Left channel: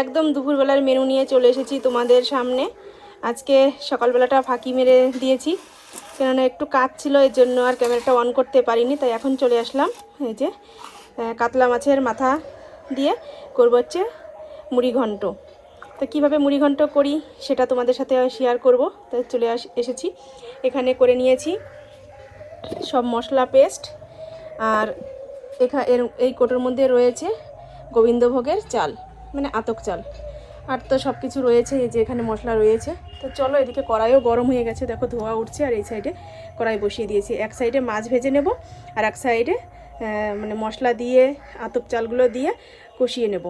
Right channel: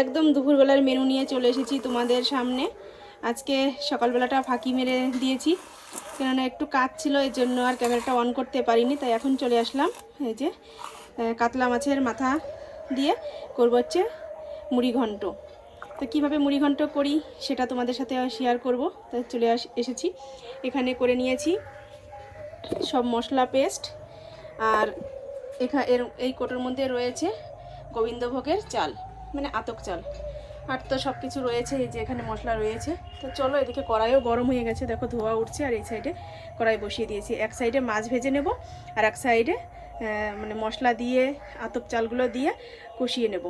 একদম দুপুরবেলার মেনু নিয়ে চলে এসেছি তোমাদের সামনে। আজকে সকালবেলাটা ফাঁকি মেরে দিয়েছি, কেননা একটু কাজ ছিল এই জন্য আর ক্যামেরাটা অন করতে পারিনি, তাই এখন চলে আসলাম। এই যে কাতলা মাছের মাথা দিয়ে করব হচ্ছে মুড়ি ঘন্ট। তো কীভাবে মুড়ি ঘন্ট করি সেটা তোমাদের সাথে শেয়ার করব। তাই চলে আস, এসেছি। এখানে করে নিয়েছি সব মশলা পেস্ট আর এখা, এর, এই কোটোর মধ্যে রয়েছে গোবিন্দভোগের চাল। মানে আতক চাল। আর তো সব কিছু রয়েছে, এই যে এখানে মশলা রয়েছে। তো চলো এদিকে কড়াইও গরম হয়ে গেছে, দেখো ধোয়া উঠছে আর এই সাইডে কড়াই বসিয়ে দিয়েছি। এক সাইডে মাছ ভেজে নেব আর এক সাইডে মানে মশলা দিয়ে, আতক চালগুলো দিয়ে কষিয়ে নেব।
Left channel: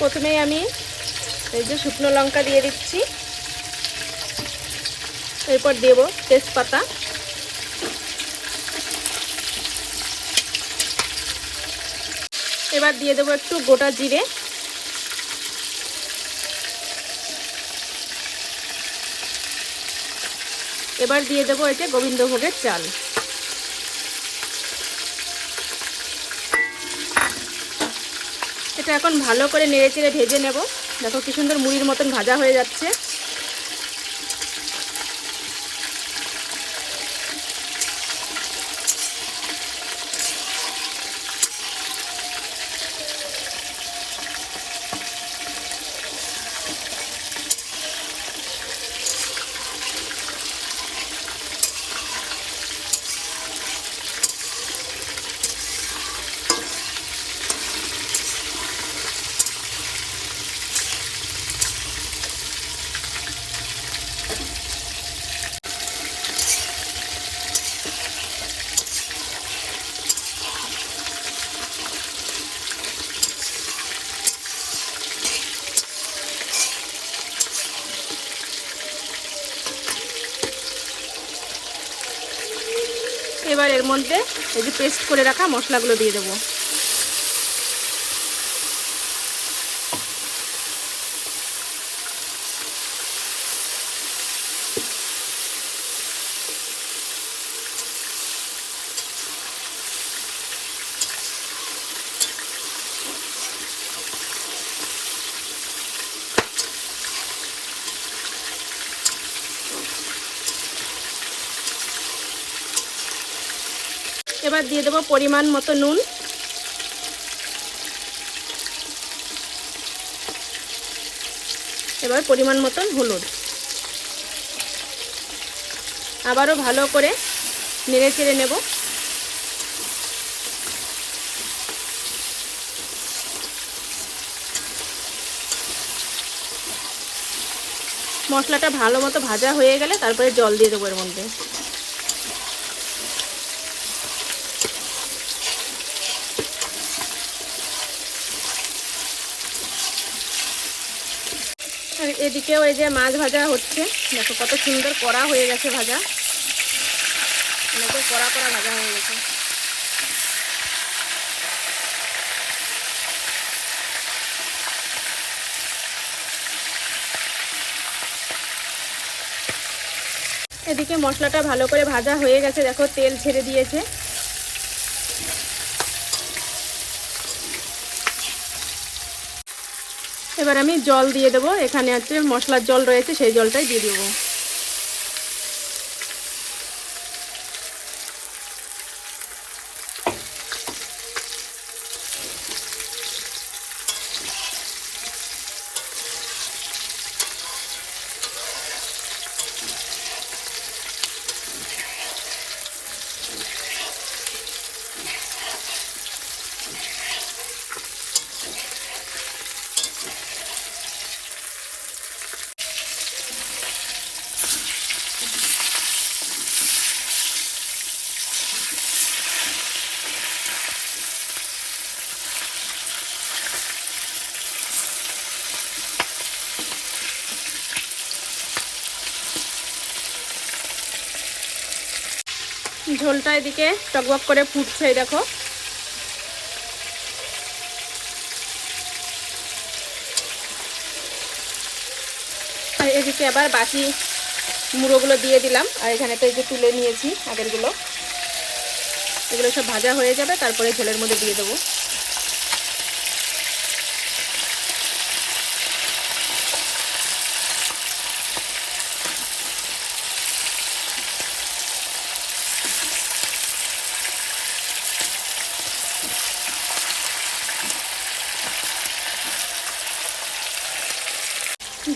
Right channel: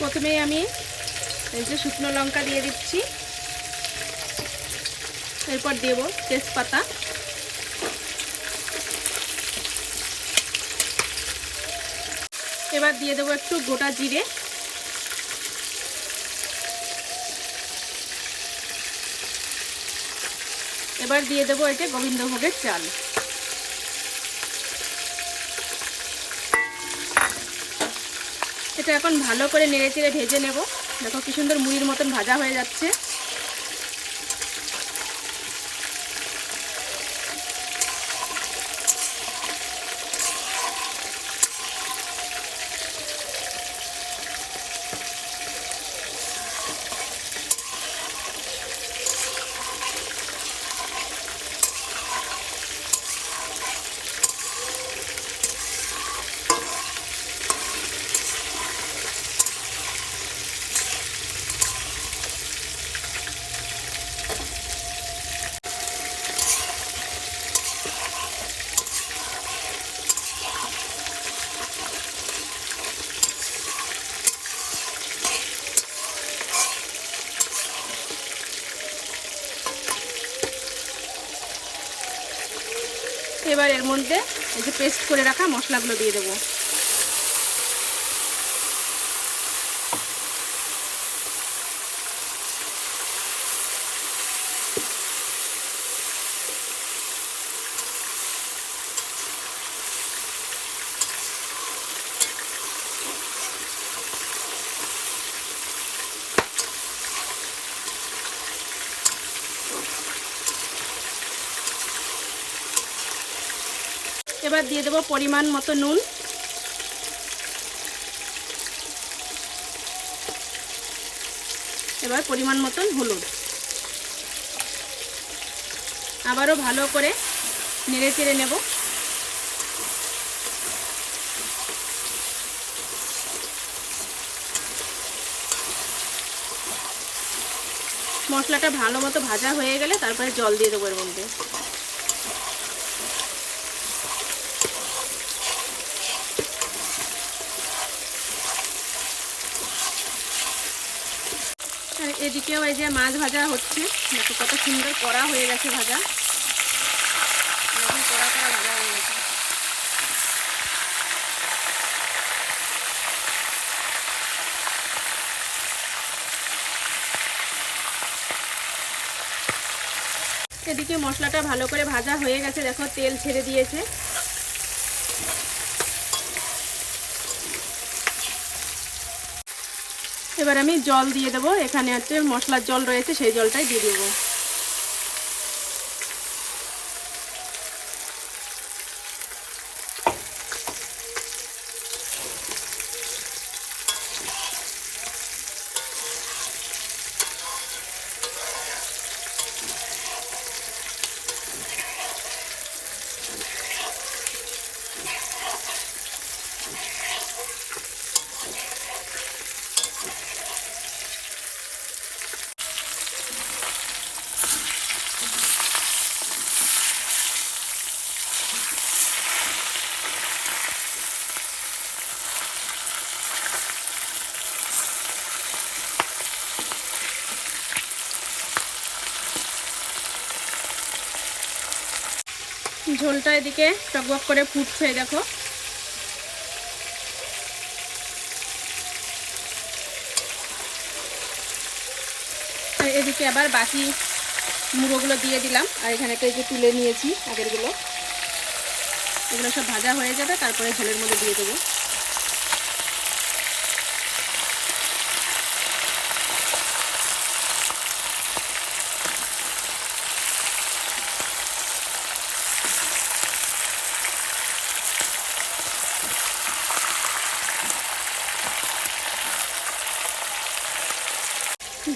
প্রথমেই আমি এই যে শুকনো লঙ্কা দিয়ে দিচ্ছি। এরপর দেব তেজপাতা। এবার দিয়ে দেবো একটু গোটা জিরে। এবার দিয়ে দেবো যে গোবিন্দভোগের চাল। এখন ভালো করে নেড়ে চেড়ে ভেজে নেব। দেখো কি সুন্দর মুড়ির মতন ভাজা হয়ে যাচ্ছে এবার এর মধ্যে এই যে পেস্ট করে রাখা মশলাগুলো দিয়ে দেবো। এবার দিয়ে দেবো পরিমাণ মতো নুন। এবার পরিমাণ মতন হলুদ। আবারও ভালো করে নেড়ে চেড়ে নেব। মশলাটা ভালো মতো ভাজা হয়ে গেলে তারপরে জল দিয়ে দেবো এর মধ্যে। আর এদিকেও এই যে মাছ ভাজা হচ্ছে। দেখো কত সুন্দর কড়া হয়ে গেছে ভাজা। দেখো কড়া কড়া ভাজা হয়ে গেছে। এদিকে মশলাটা ভালো করে ভাজা হয়ে গেছে। দেখো তেল ছেড়ে দিয়েছে। এবার আমি জল দিয়ে দেবো। এখানে হচ্ছে মশলার জল রয়েছে সেই জলটাই দিয়ে দেবো। ঝোলটা এদিকে টকবক করে ফুটছে দেখো। এদিকে আবার বাকি মুড়োগুলো দিয়ে দিলাম, আর এখানে তো এই যে তুলে নিয়েছি আগেরগুলো। এগুলো সব ভাজা হয়ে যাবে, তারপরে ঝোলের মধ্যে দিয়ে দেবো।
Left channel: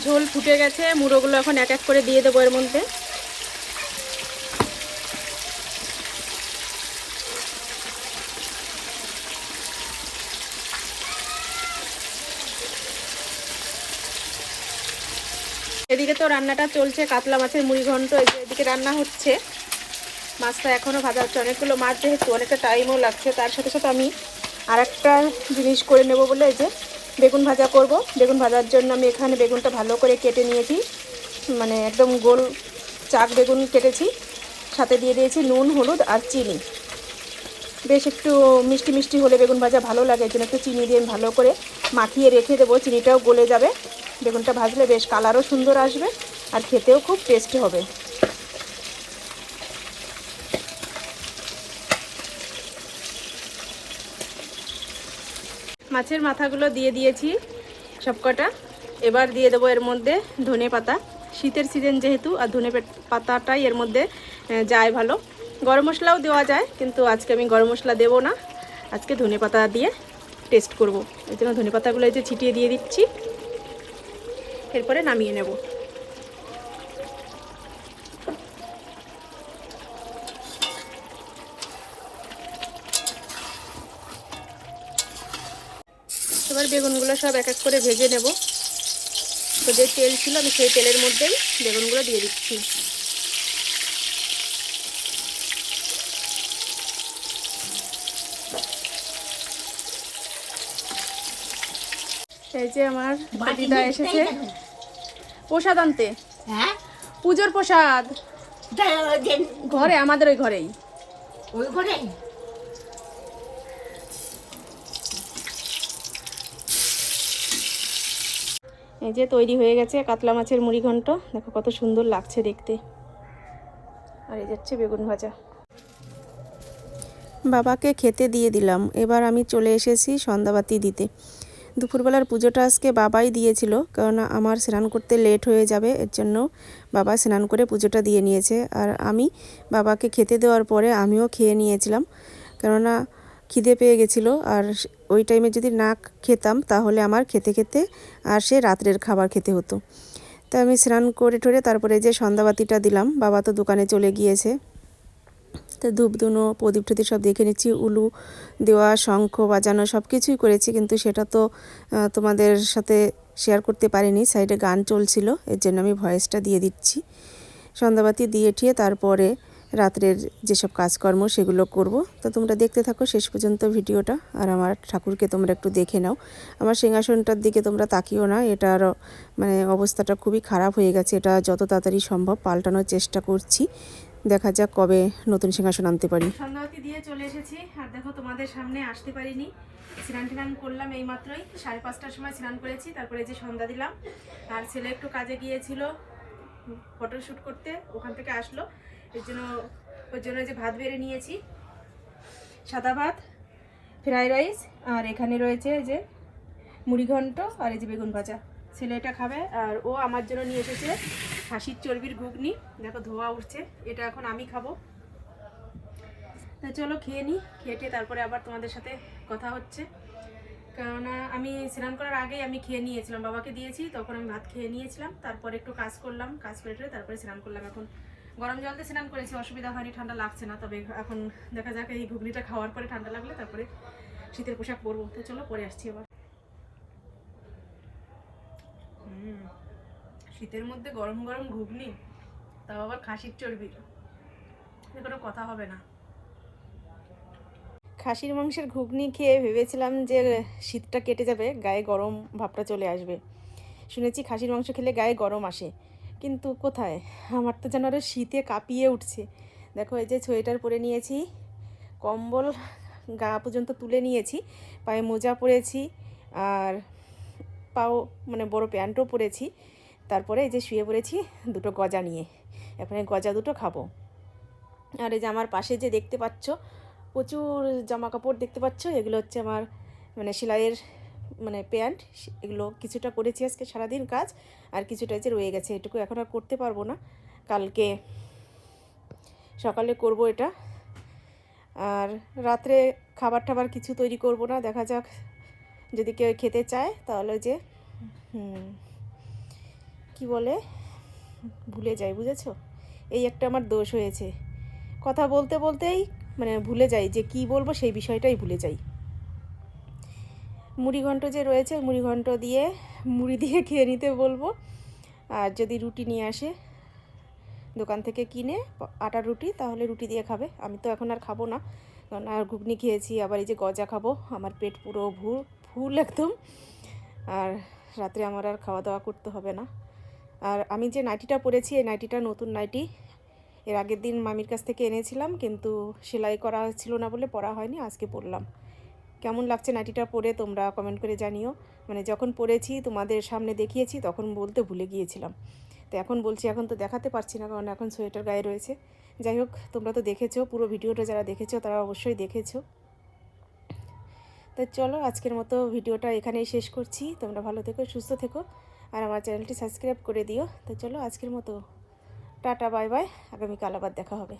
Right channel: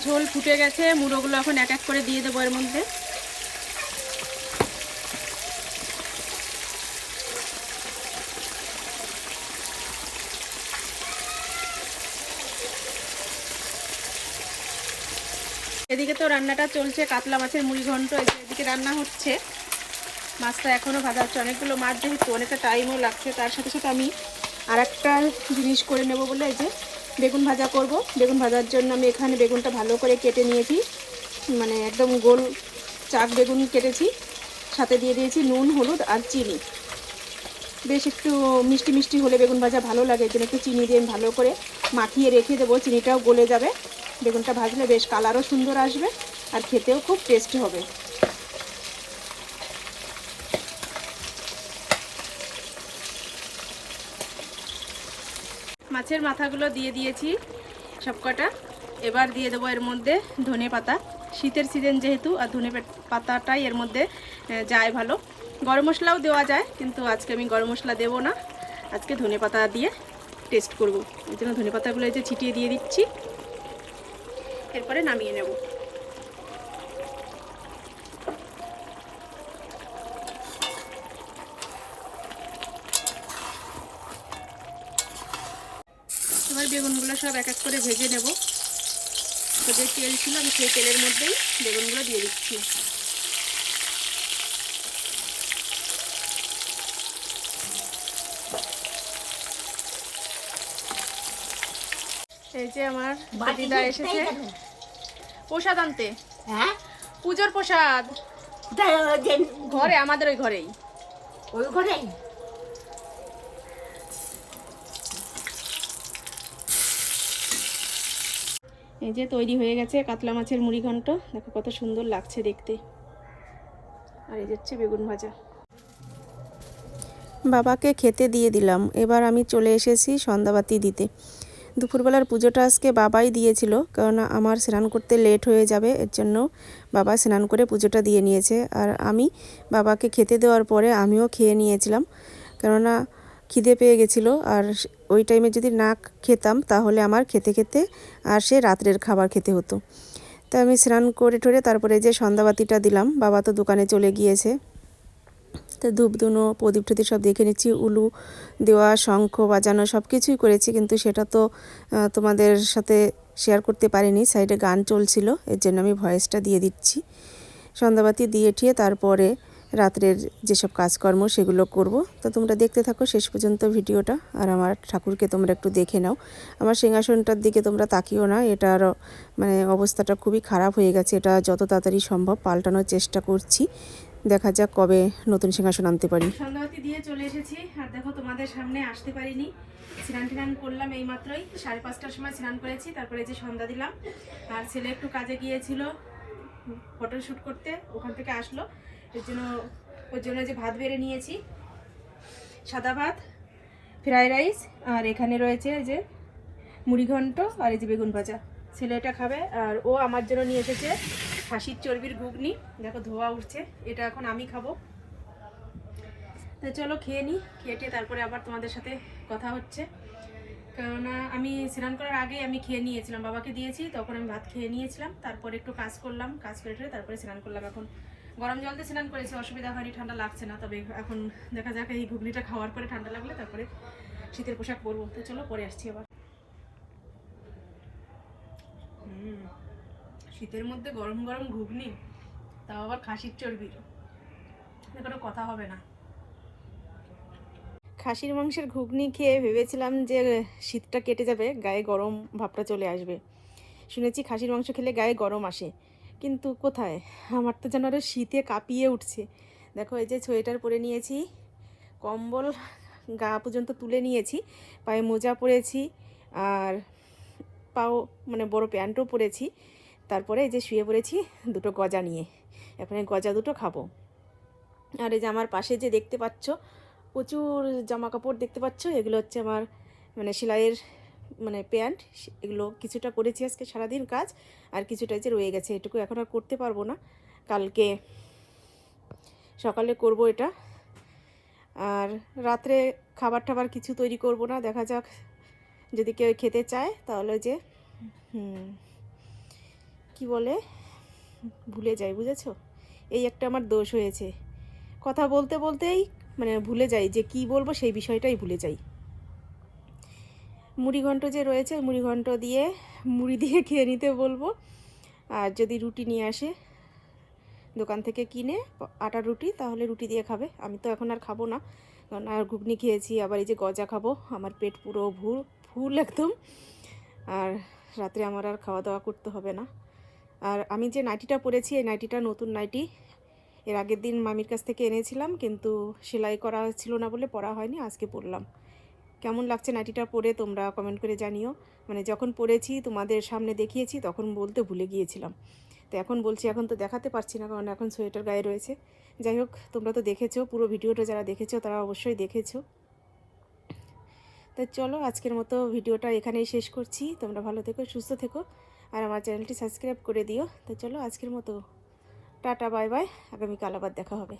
ঝোল ফুটে গেছে, মুড়োগুলো এখন এক এক করে দিয়ে দেবো এর মধ্যে। এদিকে তো রান্নাটা চলছে, কাতলা মাছের মুড়ি ঘন্ট এদিকে রান্না হচ্ছে। মাছটা এখনও ভাজা হচ্ছে, অনেকগুলো মাছ যেহেতু, অনেকটা টাইমও লাগছে, তার সাথে সাথে আমি আর একটা জিনিস করে নেব বলে এই যে বেগুন ভাজা করব। বেগুন ভাজার জন্য আমি এখানে বেগুনটা ভালো করে কেটে নিয়েছি। মানে একদম গোল চাক বেগুন কেটেছি। সাথে দিয়ে দিয়েছি নুন, হলুদ আর চিনি। বেশ একটু মিষ্টি মিষ্টি হলে বেগুন ভাজা ভালো লাগে, এর একটু চিনি দিয়ে ভালো করে মাখিয়ে রেখে দেবো। চিনিটাও গলে যাবে। বেগুনটা ভাজলে বেশ কালারও সুন্দর আসবে আর খেতেও খুব টেস্টি হবে। মাছের মাথাগুলো দিয়ে দিয়েছি সবকটা। এবার দিয়ে দেবো এর মধ্যে ধনে পাতা। শীতের সিজন যেহেতু, আর ধনে পাতাটাই এর মধ্যে যায় ভালো। গরম মশলাও দেওয়া যায়, কিন্তু আজকে আমি গরম মশলা দেবো না। আজকে ধনে পাতা দিয়ে টেস্ট করব। এই জন্য ধনে পাতাগুলো যে ছিটিয়ে দিয়ে দিচ্ছি। এরপরে নামিয়ে নেব। এবার বেগুনগুলো সব এক এক করে ভেজে নেব। তো যে তেল ছিল আমি সেই তেলের মধ্যেই বেগুনগুলো দিয়ে দিচ্ছি। এই যে আমার দিদা এসেছে। প্রসাদ আনতে। হ্যাঁ? পুজোর প্রসাদ। ঘরে আমাদের ওই ঘরেই। ওই ঘরে এই যে তৈরি হয়ে গেছে কাতলা মাছের মুড়ি ঘন্ট। দেখো কত সুন্দর লাগছে দেখতে। আর এই যাচ্ছে বেগুন ভাজা। বাবাকে খেতে দিয়ে দিলাম। এবার আমি চলে এসেছি সন্ধ্যাবাতি দিতে। দুপুরবেলার পুজোটা আজকে বাবাই দিয়েছিল, কারণ আমার স্নান করতে লেট হয়ে যাবে, এর জন্য বাবা স্নান করে পুজোটা দিয়ে নিয়েছে। আর আমি বাবাকে খেতে দেওয়ার পরে আমিও খেয়ে নিয়েছিলাম। কেননা খিদে পেয়ে গেছিল। আর ওই টাইমে যদি না খেতাম, তাহলে আমার খেতে খেতে আর সে রাত্রের খাবার খেতে হতো। তা আমি স্নান করে ঠরে তারপরে যে সন্ধ্যাবাতিটা দিলাম, বাবা তো দোকানে চলে গিয়েছে। তো ধূপ ধুনো, প্রদীপ টদীপ সব দেখে নিচ্ছি, উলু, দেওয়া, শঙ্খ, বাজানো সব কিছুই করেছি, কিন্তু সেটা তো তোমাদের সাথে শেয়ার করতে পারিনি। সাইডে গান চলছিল, এর জন্য আমি ভয়েসটা দিয়ে দিচ্ছি। সন্ধ্যাবাতি দিয়ে ঠিয়ে তারপরে রাত্রের যেসব কাজকর্ম সেগুলো করব। তো তোমরা দেখতে থাকো শেষ পর্যন্ত ভিডিওটা। আর আমার ঠাকুরকে তোমরা একটু দেখে নাও। আমার সিংহাসনটার দিকে তোমরা তাকিও না। এটার মানে অবস্থাটা খুবই খারাপ হয়ে গেছে। এটা যত তাড়াতাড়ি সম্ভব পাল্টানোর চেষ্টা করছি। দেখা যাক কবে নতুন সিংহাসন আনতে পারি। দিয়ে চলে এসেছি। আর দেখো, তোমাদের সামনে আসতে পারিনি। স্নান করলাম এই মাত্রই সাড়ে পাঁচটার সময় স্নান করেছি। তারপরে যে সন্ধ্যা দিলাম। আর ছেলে একটু কাজে গিয়েছিল ফটো শ্যুট করতে। ওখান থেকে আসলো। এর জন্য ওর জন্য যে ভাত বেড়ে নিয়েছি, সাদা ভাত, ফ্রাইড রাইস, আর এখানে রয়েছে যে মুড়ি ঘন্ট আর এই যে বেগুন ভাজা। ছেলে এটা খাবে, আর ও আমার জন্য নিয়ে এসেছে খাসির চর্বির ঘুগনি। দেখো ধোয়া উঠছে, এটা এখন আমি খাব। তা চলো খেয়ে নিই খেয়ে তারপরে আবার তোমাদের সাথে কথা হচ্ছে। কেননা আমি স্নান করার আগেই আমি খেয়ে নিয়েছিলাম, বাবাকে দিয়েছি, তখন আমি ভাত খেয়ে নিয়েছিলাম, তারপরে একটু কাজ করলাম, কাজ করে তারপরে স্নান করলাম এখন। গরম জল দিয়ে স্নান করেছি, অসুবিধা হয়নি, ঠান্ডা লাগছে না, তবে এখন দেখা যাক এই ঘুগনিটা খাওয়ার পরে ঠান্ডা লাগলে তারপরে শীতের পোশাক পরবো। তো চলো, পরে আসছি আবার। শীতের মধ্যে গরম গরম ঘুগনি, তাও আবার খাসির চর্বির কোনো কথা হবে না। খাসির মাংসের ঘুগনি খেয়ে ভেবেছিলাম যে শীতটা কেটে যাবে, গায়ে গরম ভাবটা চলে আসবে। শুনেছি খাসির মাংস খেলে গায়ে গরম আসে। কিন্তু কোথায়? আমার তো যেন আরও শীতে কাঁপিয়ে উঠছে। দেখো, এই যে সোয়েটার পরে নিয়েছি, কম্বল গা পর্যন্ত তুলে নিয়েছি, পায়ে মোজা পরেছি, আর পাও মানে বড় প্যান্টও পরেছি। তারপরে এই যে শুয়ে পড়েছি দুটো গজা নিয়ে। এখন এই গজা দুটো খাব। আর এই যে আমার পাশে যে দেখতে পাচ্ছ, প্রচুর জামা কাপড় দেখতে পাচ্ছ, এগুলো হচ্ছে আমার মানে সেলাইয়ের মানে প্যান্ট এগুলো কিছুটা করেছি আজকে সারাদিন কাজ, আর কিছুটা যে রয়ে গেছে, এটুকু এখন আর করতে পারব না। কালকে সকালে করব এটা। আর রাত্রে খাবার টাবার কিছু তৈরি করব না, দেখা যাক যদি কেউ খেতে চায়, তাহলে যে কি বলে, ভুলে যাই, বুঝেছ? এই একটা আমার দোষ হয়েছে। কথা বলতে বলতেই মানে ভুলে যাই যে কি বলব সেই বিষয়টাই ভুলে যাই। মুড়ি ঘন্ট যে রয়েছে মুড়ি ঘন্ট দিয়ে, মুড়ি দিয়ে খেয়ে নিতে বলব। আর যদি রুটি নিয়ে আসে দোকান থেকে কিনে, আটা রুটি, তাহলে রুটি দিয়ে খাবে। আমি তো এখন আর খাব না। কারণ আর ঘুগনি খেয়েছি, আবার এই যে গজা খাব, আমার পেট পুরো ভুল, ফুল একদম। আর রাত্রে আমার আর খাওয়া দাওয়া করতে হবে না। আর আমি যে নাইটিটা পরেছি, এই নাইটিটা নতুন নাইটি, এর আগের দিন মামির কাছ থেকে এনেছিলাম, কিন্তু সেলাই করা ছিল না বলে পরা হয়নি, আজকে পরলাম। কেমন লাগছে নাইটিটা পরে তোমরা কমেন্ট করে জানিও। মানে যখন পরেছি, তোমাদের সামনে দেখিয়েছি, তখন বলতে ভুলে গিয়েছিলাম। তো এখন বলছি, এখন তো দেখাতে পারছি না, কারণ এখন সোয়েটার গায়ে রয়েছে। যাই হোক, তোমরা তো দেখেছ, পুরো ভিডিওটা যারা দেখেছ, তারা অবশ্যই দেখেছ। তো চলো, আজকের মতো ভিডিওটা এখানেই শেষ করছি। তোমরা ভালো থেকো, সুস্থ থেকো, আর আমার চ্যানেলটি সাবস্ক্রাইব করে দিও। তো চলো, আজকের মতো। Tata, bye bye. আগামীকাল আবার দেখা হবে।